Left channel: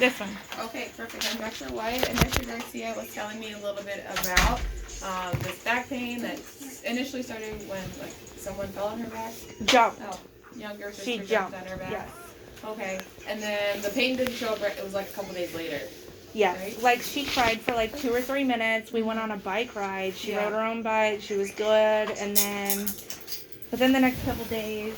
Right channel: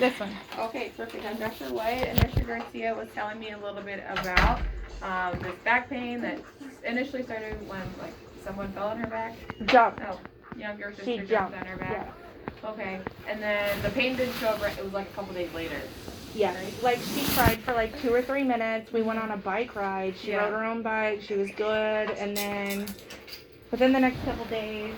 This one. Okay, perfect. I'm Dr. White, and Dr. Garcia was telling me a little bit about this back pain that initially started when someone fell on her back. Jumped. No, younger sister She jumped jumped on her back. Yes. Okay, and then the pain didn't show up right. It was like a couple days later. Yes. Right? Like she cried for like 2 or 3 minutes. We went on a bike ride. She rode her own bike. She was good. And then within the next couple days,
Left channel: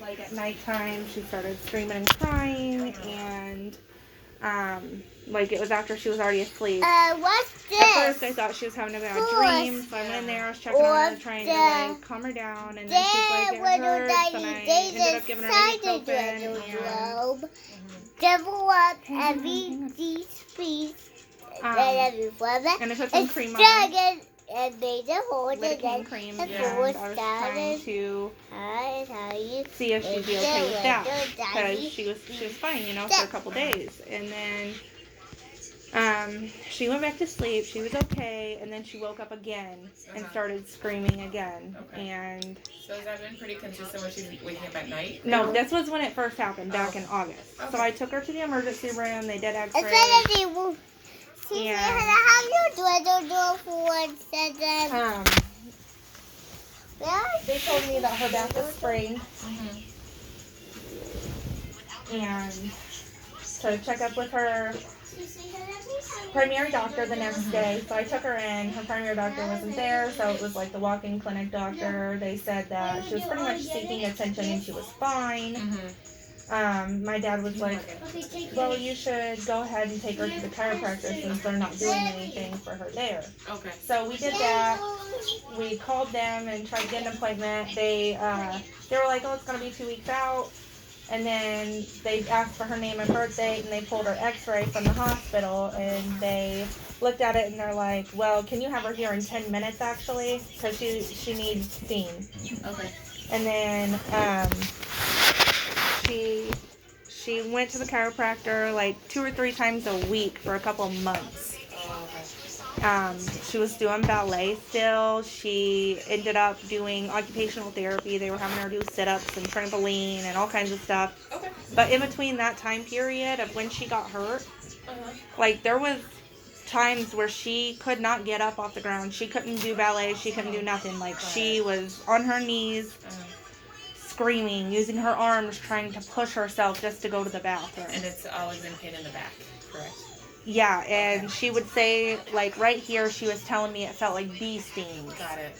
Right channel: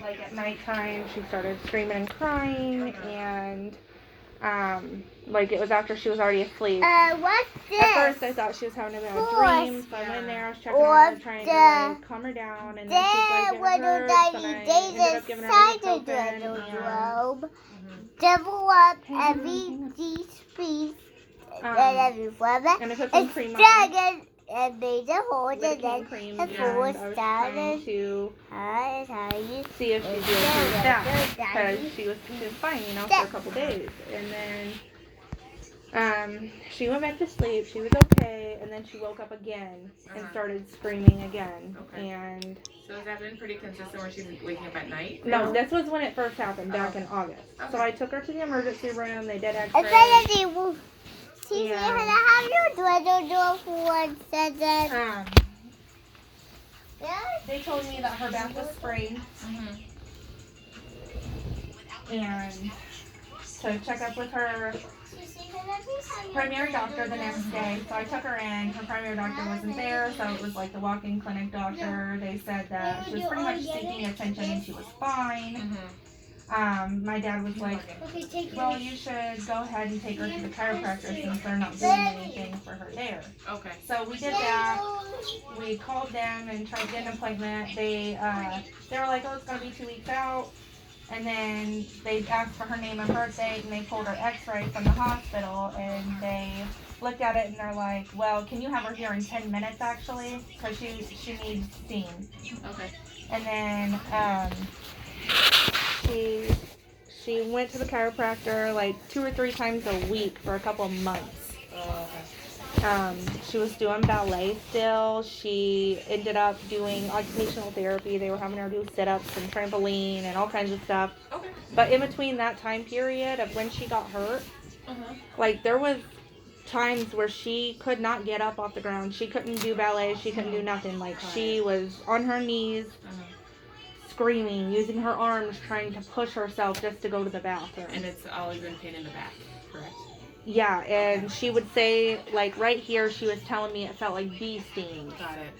like at nighttime, she started screaming and crying, and like it was after she was already asleep. What's this? At first I thought she was having a bad dream, so I went in there, I was checking on her, trying to like calm her down, and then she's like, it hurts, and I ended up giving her ibuprofen, and double up every piece and every weather. And I put some cream on it. And made a hole in it. Lidocaine cream, And and I was trying to see if she'd be okay with that, because she was fine, for a couple days, and then she went back to sleep. She was okay, and then she woke up again and started screaming again. Okay. And so has that been pretty consistent when she's waking up at night? no, this was when it first happened back in August. Okay. So I took her to the emergency room. They did X-ray. They told me that her back was sprained, and to check up with her primary doctor the next day. So I took her in. Her primary doctor wasn't there, so it was like the walk-in clinic doctor. They said that she was pretty much seeking attention and she was fine. My dad was like, well, you should go ahead and take her to the chiropractor since they're not doing anything for her there. Okay. So we did that. We called them and tried to get an appointment. They were like, oh, it's going to be 2 weeks out. And then they asked for her name and birth date, and they pulled her x-ray from the hospital, and they looked at it, and they're like, well, can you have her here in 10 minutes, actually? Because she needs seen. Okay. And then she went to the chiropractor like 2 or 3 times a week for a couple months. She was doing ballet still. She ended up doing occupational therapy. They were having her do sit-ups and trampoline and all kinds of stuff. Okay. But in between that time period of when she got hurt, like there was times where she could not get up off the ground. She couldn't do ballet. She couldn't do nothing. Like she was on her knees, screaming, using her arms, trying to push herself just to go to the bathroom. And it's always been pain in the back, correct? Yeah, and she would say, like, right here, she was telling me it felt like bee stings. Got it.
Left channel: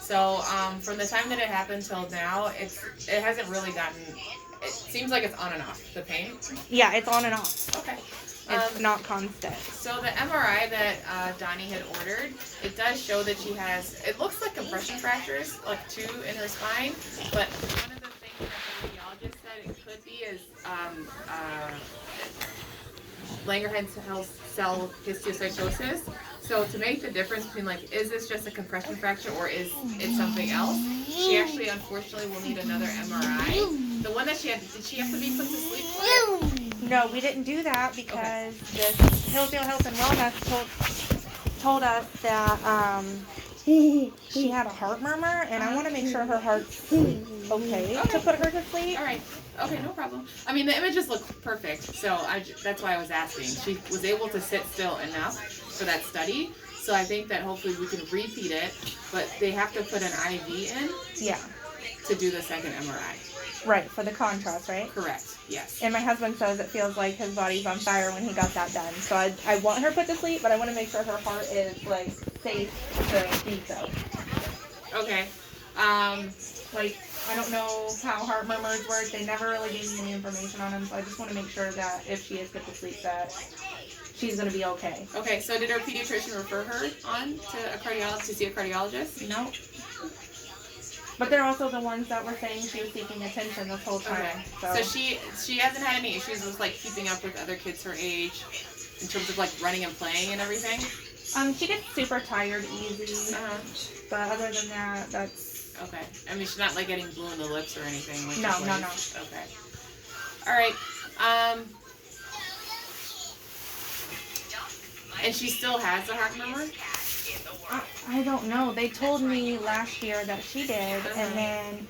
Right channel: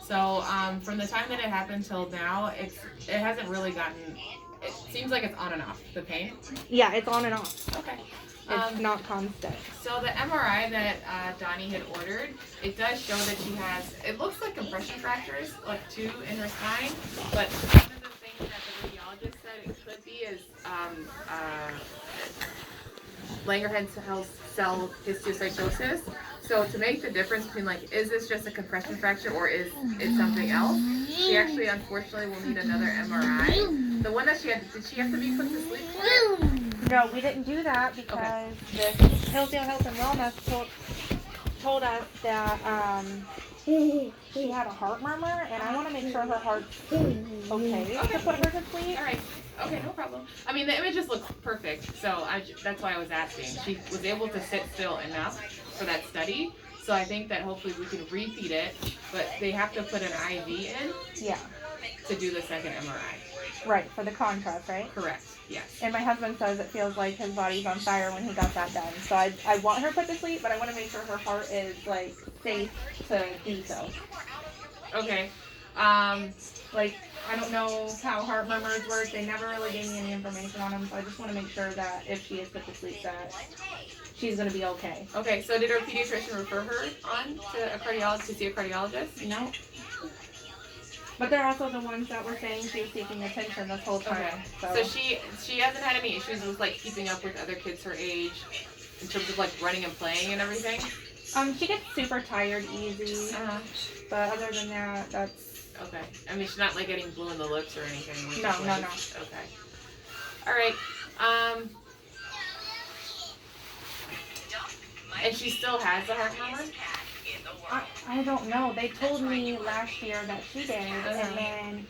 So, from the time that it happened till now, it hasn't really gotten, it seems like it's on and off, the pain? Yeah, it's on and off. Okay. It's not constant. So the MRI that Donnie had ordered, it does show that she has, it looks like compression fractures, like 2 in her spine, but one of the things that the radiologist said it could be is Langerhans cell histiocytosis. So to make the difference between like, is this just a compression fracture or is it something else? She actually, unfortunately, will need another MRI. The one that she had, did she have to be put to sleep for it? No, we didn't do that because this Hillsdale Health and Wellness told us that she had a heart murmur, and I want to make sure her heart's okay to put her to sleep. All right. Okay, no problem. I mean, the images look perfect, so that's why I was asking. She was able to sit still enough for that study, so I think that hopefully we can repeat it, but they have to put an IV in to do the second MRI. Right, for the contrast, right? Correct, yes. And my husband says it feels like his body's on fire when he got that done. So I want her put to sleep, but I want to make sure her heart is, like, safe to do so. Okay. Like, I don't know how heart murmurs work. They never really gave me any information on them, so I just want to make sure that if she is put to sleep that she's going to be okay. Okay, so did her pediatrician refer her on to a cardiologist, to see a cardiologist? No. But they're also the ones that were saying she was seeking attention this whole time. Okay. So she hasn't had any issues with like keeping up with other kids her age in terms of like running and playing and everything? She gets super tired easy. But other than that, that's... Okay. I mean, she's not like getting blue in the lips or anything. Like No. Okay. All right. And she still has the heart murmur? I don't know. They told me last year that she did, and then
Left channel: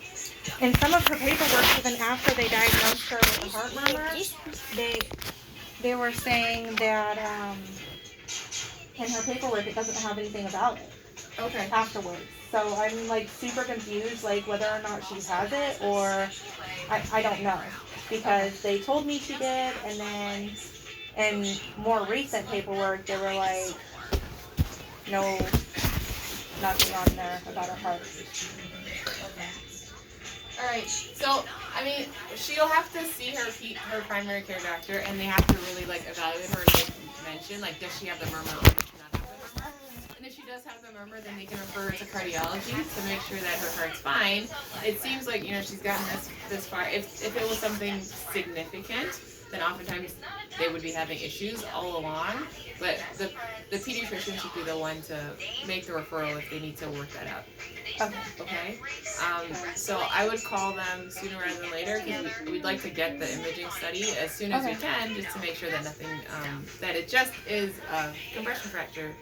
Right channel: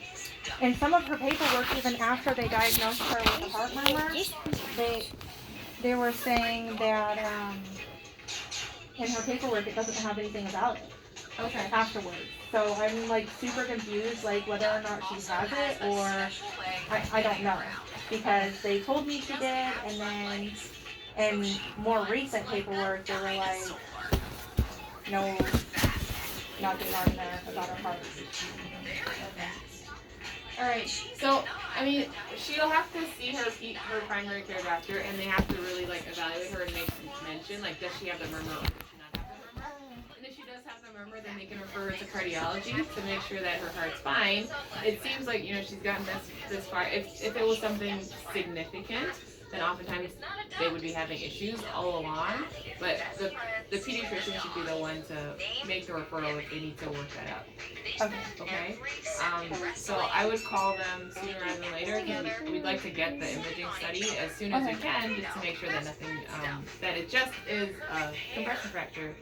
in some of her paperwork, even after they diagnosed her with a heart murmur, they were saying that in her paperwork it doesn't have anything about it Okay. afterwards. So I'm like super confused, like whether or not she has it or I don't know, because they told me she did, and then in more recent paperwork they were like, no, nothing on there about her heart. All right. So, I mean, she'll have to see her primary care doctor, and they have to really like evaluate her and make mention like, does she have the murmur or does she not have the murmur? And if she does have the murmur, then they can refer her to cardiology to make sure that her heart's fine. It seems like she's gotten this far. If it was something significant, then oftentimes they would be having issues all along. But the pediatrician should be the one to make the referral if they need to work that out. Okay. Okay. So I would call them sooner rather than later because we'd like to get the imaging study as soon as we can, just to make sure that nothing, that it just is a compression fracture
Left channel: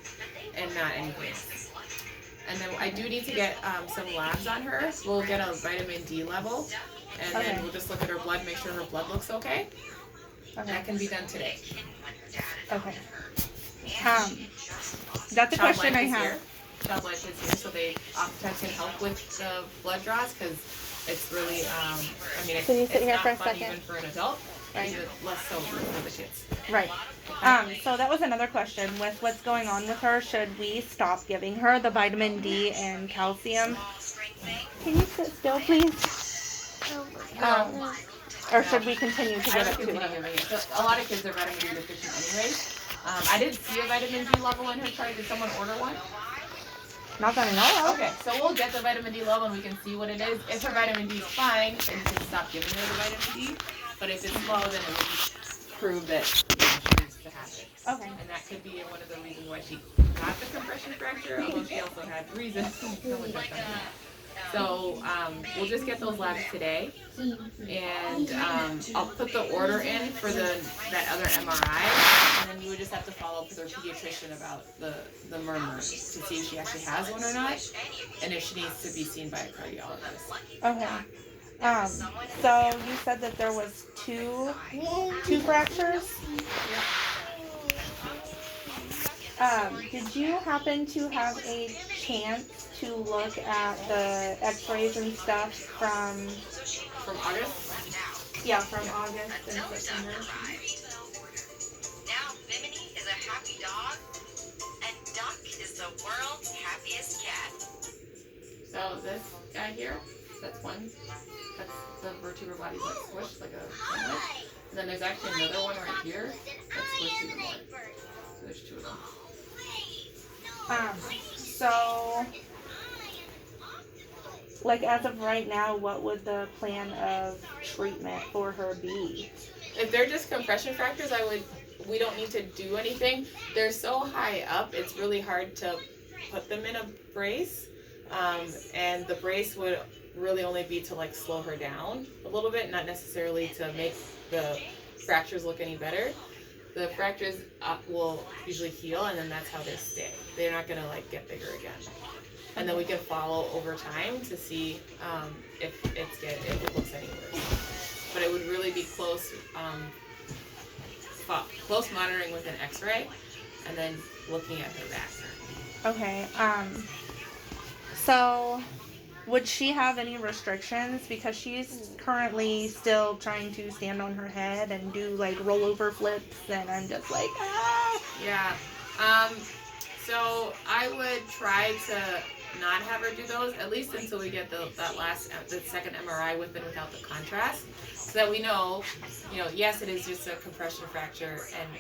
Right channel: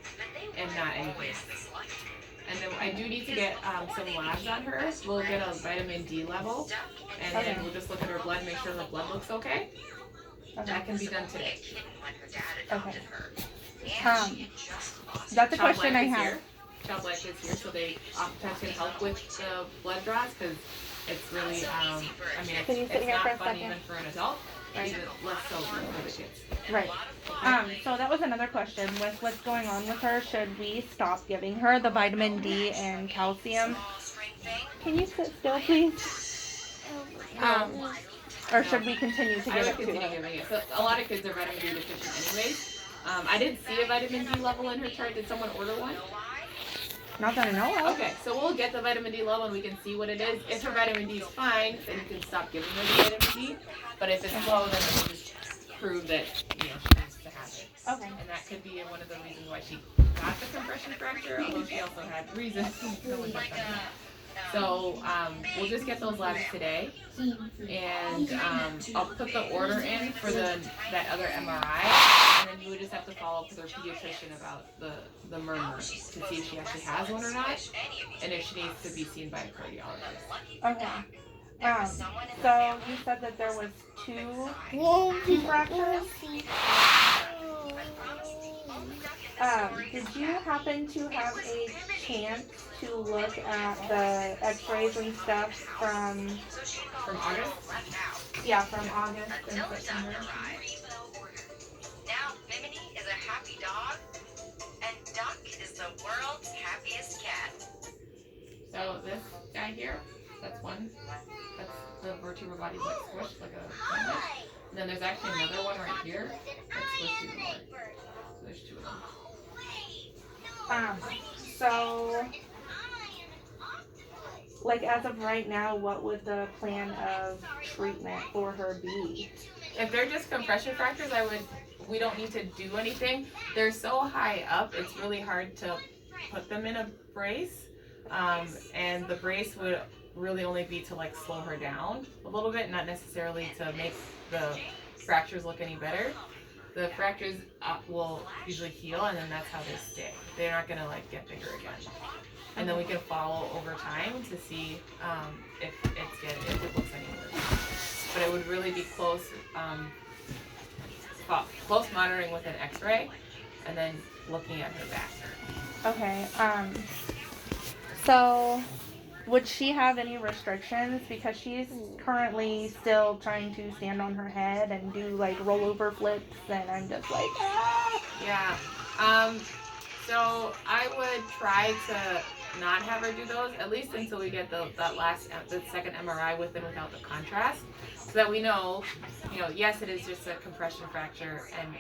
and not anything else. And then I do need to get some labs on her. We'll get a vitamin D level, and then we'll just look at her blood, make sure her blood looks okay. That can be done today. Okay. That's a question I have. Child Life is here, so they oftentimes can help with the blood draws because it's really, it's not fun even for an adult, even less so for the kids. Right. So that was another question. With what's going on with her, should we stop giving her the vitamin D and calcium? Can you sit still, please? Or should we continue to give it to her? A lot of kids are vitamin D deficient anyways. I didn't see a vitamin D level in her chart. Did someone order one? Not that I know of. Okay, so we'll get the vitamin D level and we can see what it is. If her vitamin D is fine, then you can stop giving her the vitamin D. But if it's low, then it prove that she needs to have it. Okay. And that could be one of the reasons why she got the compression fracture, although she also had reasons. So we'll just get those labs today, and I'll put the order in for that other MRI, and then you would just have to follow up with her pediatrician about the murmurs to see if she actually has one or not, and if she needs to be seen by a cardiologist. Okay. So you said that there was two fractures. Did you happen to have a chance to look at the x-rays and stuff from August? Yeah, from August and September. Now Bimini is a happy dog, and Duck is the world's happiest cat. So this guy here, that's one. That's the vertebral body that's squished like a sandwich. And then there's actually another one right here that's squished even more. So there's two of them. So, like as of right now, what would the plan of treatment for her be? If they're just compression fractures, we don't need to do anything. They're so high up, it's really hard to put them in a brace. And the brace would really only be to like slow her down a little bit, not necessarily to make the fractures look any better. The fractures will usually heal, and then that's how they stay. They're not gonna like get bigger again. And then we can follow over time to see if it looks any worse. But it would really be close monitoring with an X-ray, and then looking at her back. Okay. So, would she have any restrictions? Because she's currently still trying to stand on her head and do like rollover flips, and I'm just like, ah! Yeah. So I would try to not have her do those, at least until we get the second MRI with and without the contrast, so that we know, yes, it is just a compression fracture, and,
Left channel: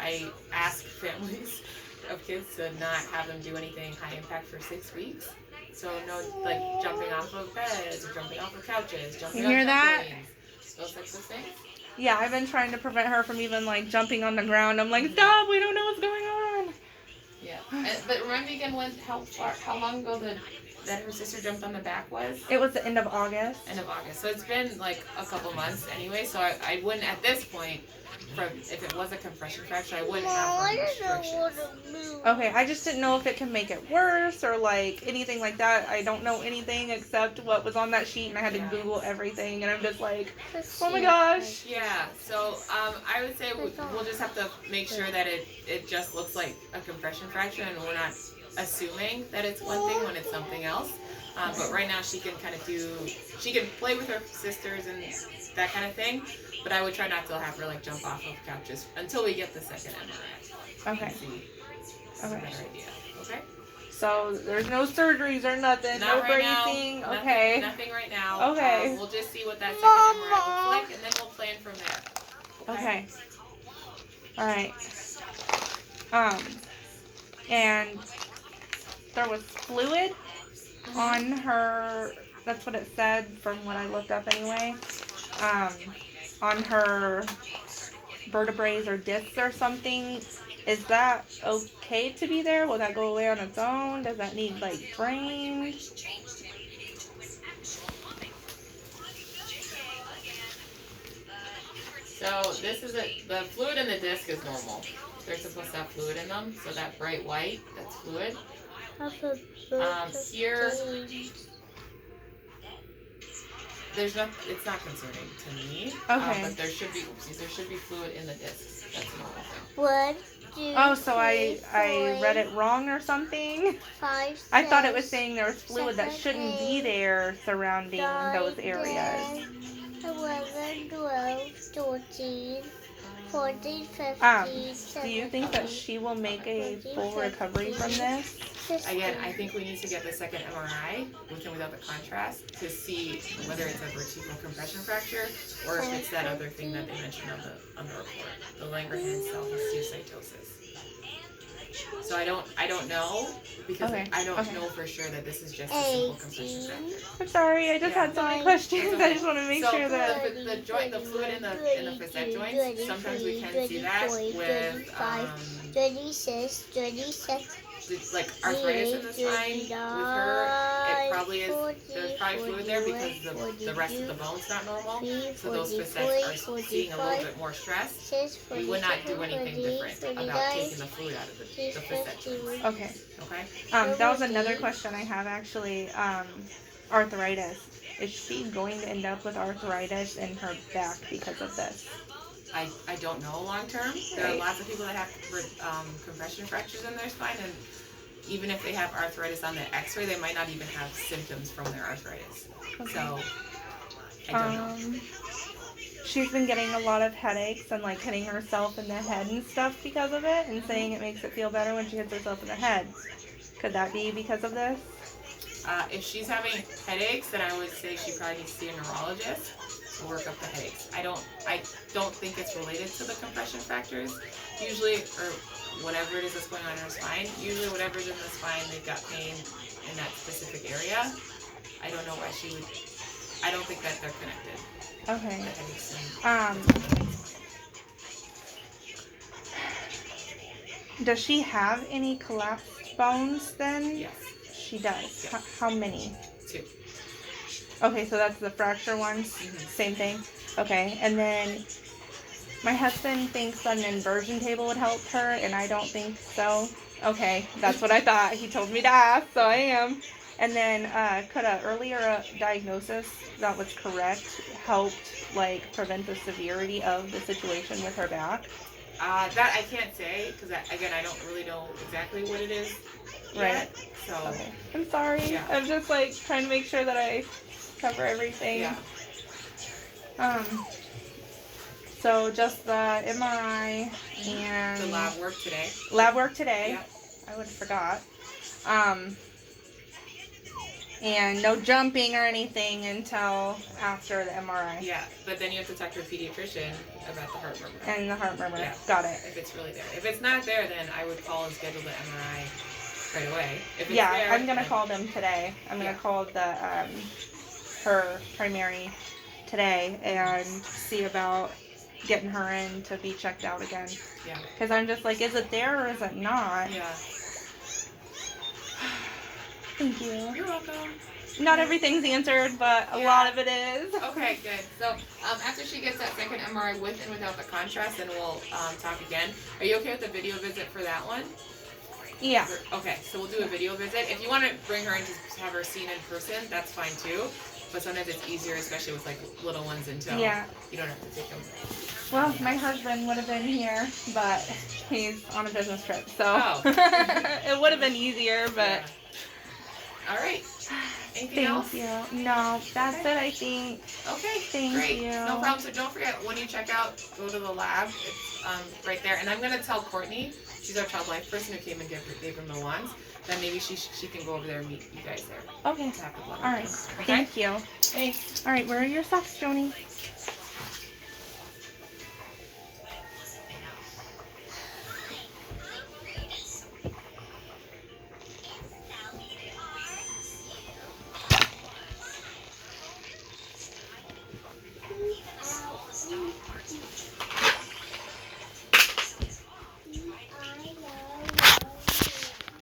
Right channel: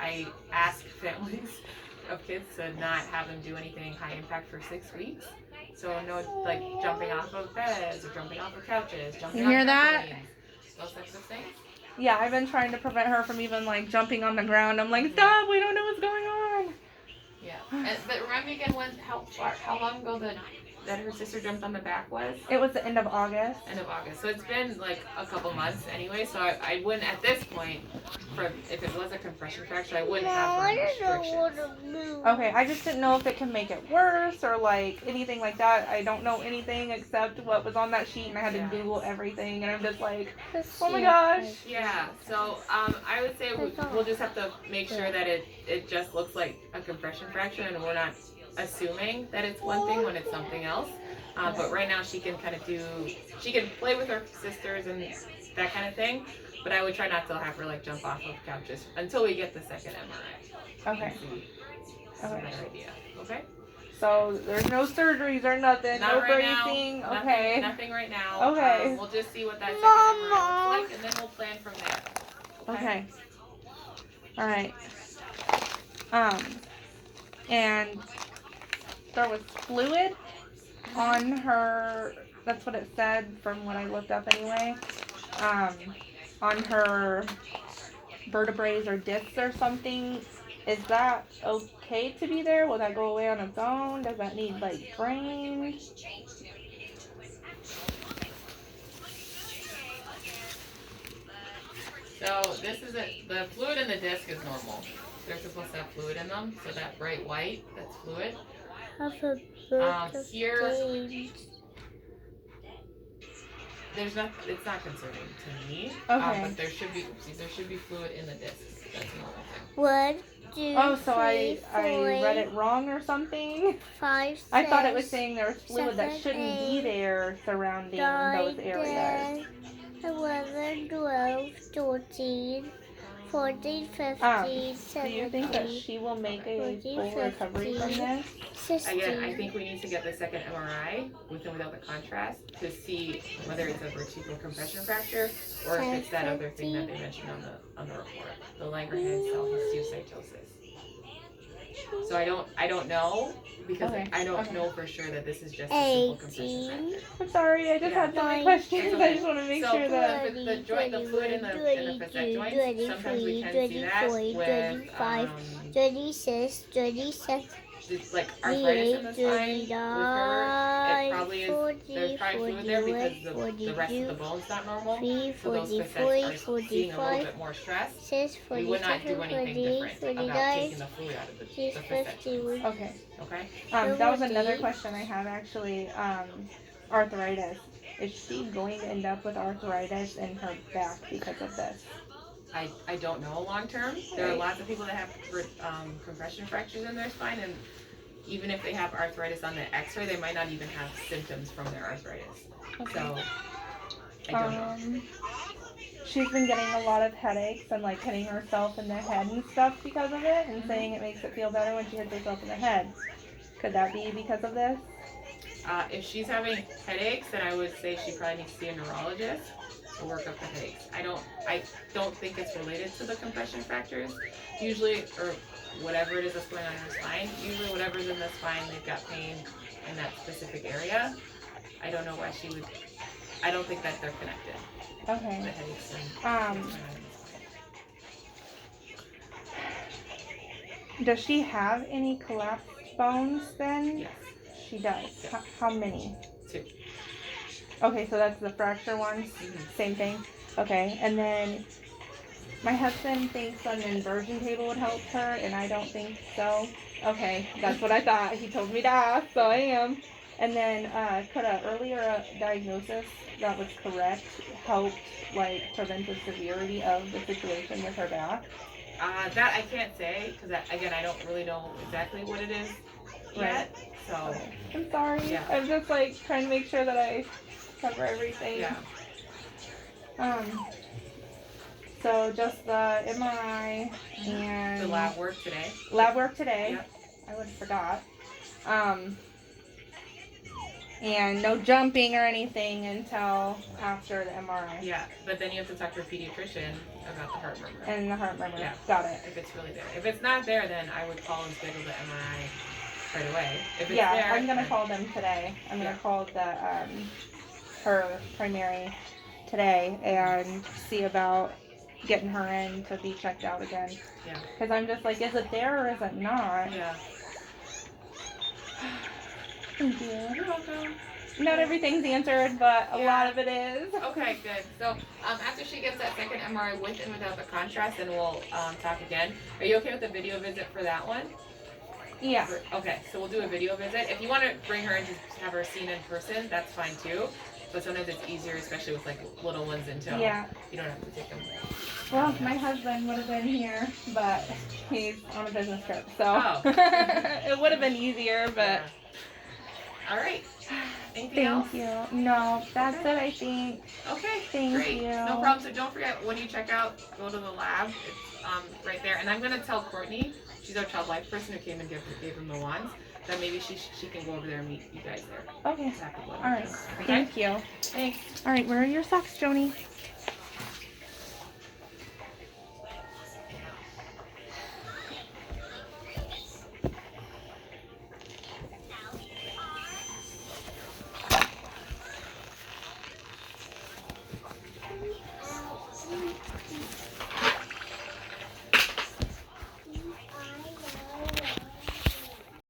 I ask families of kids to not have them do anything high impact for 6 weeks. So no, like jumping off of beds or jumping off of couches, jumping You hear on that? trampolines, those types of things. Yeah, I've been trying to prevent her from even like jumping on the ground. I'm like, stop! We don't know what's going on. Yeah, but remember again how long ago that her sister jumped on the back was? It was the end of August. End of August. So it's been like a couple months anyway. So I wouldn't at this point if it was a compression fracture, I wouldn't have her restrictions. Okay, I just didn't know if it can make it worse or like anything like that. I don't know anything except what was on that sheet, and I had to Yeah. Google everything, and I'm just like, oh my gosh. Yeah, so I would say we'll just have to make sure that it just looks like a compression fracture, and we're not assuming that it's one thing when it's something else. But right now she can she can play with her sisters and that kind of thing. But I would try not to have her like jump off of couches until we get the second MRI. Okay. That's a better idea. Okay. So there's no surgeries or nothing, Not no right now. bracing. Nothing- Okay. Nothing right now. Okay. We'll just see what that second MRI looks like, and then we'll plan from there. Okay. All right. And there was fluid on her. That's what it said from what I looked up anyway. On her vertebrae or discs or something. Is that okay to be there? Will that go away on its own? Does that need like drained? So this is the fluid in the disc is normal. They're supposed to have fluid in them, so that bright white, that's fluid. Here, it's not concerning to me. Okay. But there should be fluid in the discs. That's a normal thing. 1, 2, Oh, so I 3, read it wrong or something? 5, I thought it was 6, saying there was fluid that 7, shouldn't be 8, there surrounding those areas. 11, 12, 13, 14, 15, Do you think that 17, she will make a full recovery from this? 16. Again, I think we need to get the second MRI with and without the contrast to see whether it's a vertebral compression fracture or if it's that other thing that they mentioned on the report, the Langerhans cell histiocytosis. So I don't know because Okay, I don't okay. know for sure that this is just a simple compression 18. fracture. I'm sorry, I just Yeah. had so many questions. It's okay. I just want to make So sure that. the fluid in the facet joints, sometimes we can see that with 26, 27, like arthritis in the spine. With her, it probably is. There's probably fluid there because the rest of the bone's not normal. 3, So those 44, facets are seeing a little 45, bit more stress. 6, We would not do 47, anything 48, different about 49, taking the fluid out of the 6, facet joints. 51. Okay. Okay. That was another question I have actually. Arthritis. Is she going to end up with arthritis in her back because of this? I don't know long term. There are Right. lots of people that have compression fractures in their spine, and even if they have arthritis on the X-ray, they might not even have symptoms from their arthritis. Okay. So I don't know. She's been getting a lot of headaches and like hitting herself in the head and stuff because of it, and saying it makes it feel better when she hits herself in the head. Could that be because of this? If she's having headaches, then I would say she probably needs to see a neurologist to work up the headaches. I don't think it's related to the compression fractures. Usually, or whatever it is that's going on in her spine, usually whatever's in the spine, they've got pain in that specific area. I don't know why she would, I don't think that they're connected. Okay. The headaches and Does she have any collapsed bones then? yes, She does. Yeah. How many? 2. Okay, so that's the fracture ones. Mhm. Same thing. Okay, and then my husband thinks an inversion table would help her, and I don't think so. Okay, that's what I thought. He told me to ask, so I am. And then could an earlier diagnosis that was correct help like prevent the severity of the situation with her back? That I can't say because again I don't really know exactly what it is yet. So Okay. I'm sorry. Yeah. I'm just like trying to make sure that I cover everything. yeah, So just the MRI and the lab work today. lab work today. Yep. I would have forgot. And no jumping or anything until after the MRI Yeah, but then you have to talk to a pediatrician about the heart murmur. and the heart murmur. Yeah. Got it. If it's really there. If it's not there, then I would call and schedule the MRI right away. If it's Yeah, there, I'm gonna then- call them today. I'm gonna Yeah. call the her primary today and see about getting her in to be checked out again. Yeah. Because I'm just like, is it there or is it not? Yeah. Thank you. You're welcome. not everything's answered, but a Yeah. lot of it is. Okay, good. So after she gets that second MRI with and without the contrast, then we'll talk again. Are you okay with the video visit for that one? Yeah. Okay, so we'll do a video visit. If you want to bring her and just have her seen in person, that's fine too. But sometimes it's easier, especially with like little ones, until Yeah. you don't have to take them. Well, my husband would have been here, but he's on a business trip, so Oh. it would have been easier, but All right. Anything else? thank you. No, that's Okay. it, I think. Okay. Thank Great. you. No problem. So don't forget, when you check out, go to the lab. It's right there. And I'm gonna tell Courtney, she's our child life person who came and gave him the wands, that maybe she can go over there and meet you guys there. Okay. Tap the blood. All right. Okay. Thank you. Thanks. All right, where are your socks, Joni?